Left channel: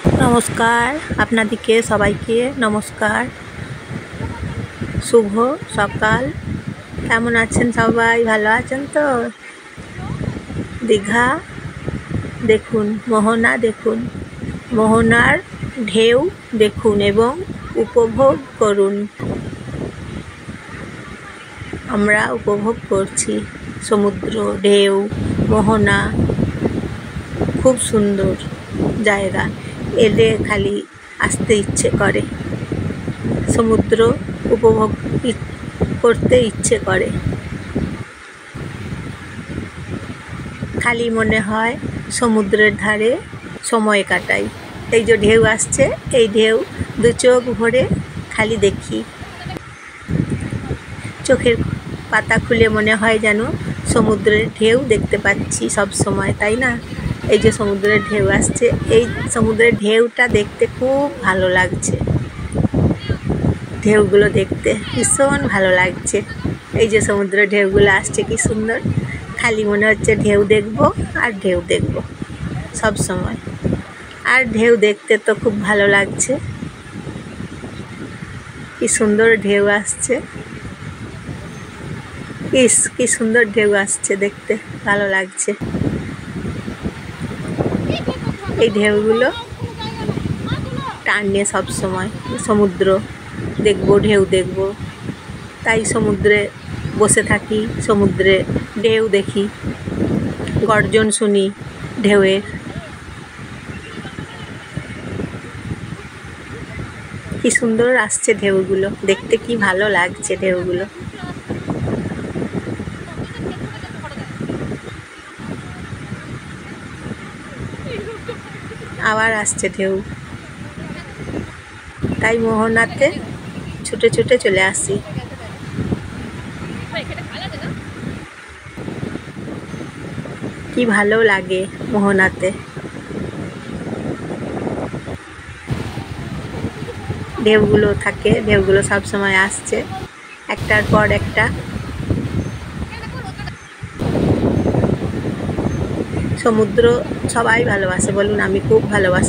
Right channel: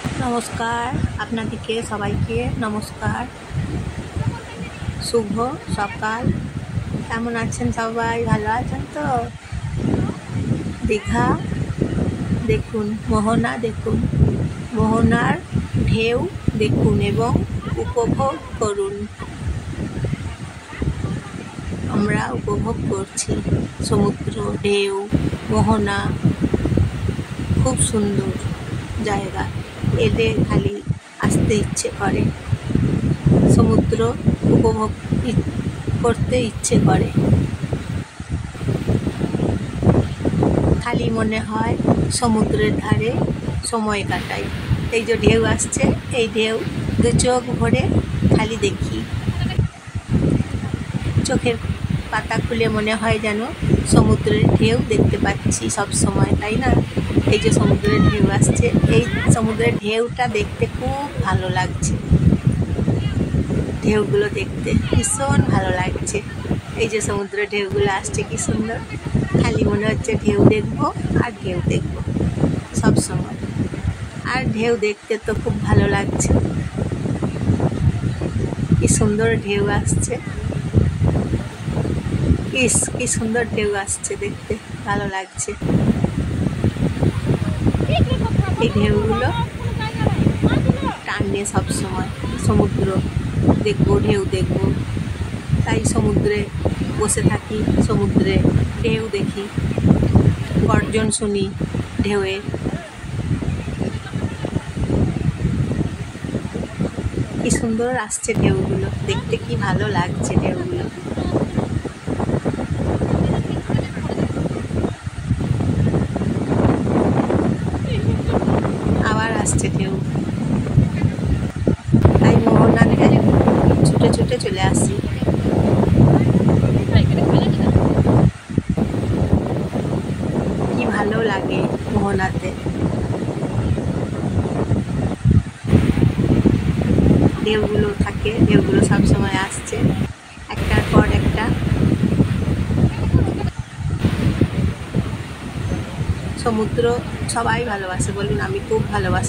নমস্কার, আপনাদেরকে সবাইকে নমস্কার। শুভ সকাল। কেমন আছেন সবাই? ভালো আছেন তো? দীঘা দেখুন, মোহনা দেখুন, মোহনার ঢেউ দেখুন এবং উপভোগ করুন। আমরা উপভোগ করছি সমুদ্র, ঢেউ, মোহনা। খুব সুন্দর জায়গা, এলে খালি আসতে ইচ্ছে করে, সমুদ্র উপভোগ করতে ইচ্ছে করে। খালি মনে হয় সমুদ্রের ধারে সময় কাটাই। এই যে ঢেউ আসছে, এই ঢেউ দু চোখ ভরে খালি দেখি। চোখের পাতা খুলে মনে হয় যেন সমুদ্রের ঢেউ দেখতে পাচ্ছি সব সময়, তাই না? এই যে সমুদ্রের ঢেউ আসছে, এই সমুদ্রের ঢেউটা দেখতে খুব ভালো লাগছে। ঢেউগুলো দেখতে ভীষণ ভালো লাগছে। এই যে সমুদ্রের ঢেউগুলো আসছে, কি সুন্দর। খালি মনে হচ্ছে ঢেউ দেখবো আর ঢেউ দেখবো সব সময়। আর ঢেউ দেখতে তো খুব ভালো লাগছে। কি সুন্দর ঢেউ আসছে, কি সুন্দর ঢেউ আসছে, দেখতে ভালো লাগছে। এই ঢেউগুলো টানে সব সময়, সমুদ্র দেখবো, ঢেউ দেখবো, তাই সমুদ্রে বসে থাকি, সমুদ্রে ঢেউ দেখি, গর্জন শুনি ঢেউয়ের। কি সুন্দর আসছে ঢেউগুলো, দেখতে কি ভালো লাগছে ঢেউগুলো। আবার আসছে ঢেউ, তাই মোহনাতে ছুটে ছুটে চলে আসি। কি ভালো লাগে মোহনাতে। ঢেউগুলো থাকে, ঢেউগুলো সব সময় আসছে একটার পর একটা। সমুদ্র সবাই ভালোবাসে, বলুন? আমি খুব ভালোবাসি।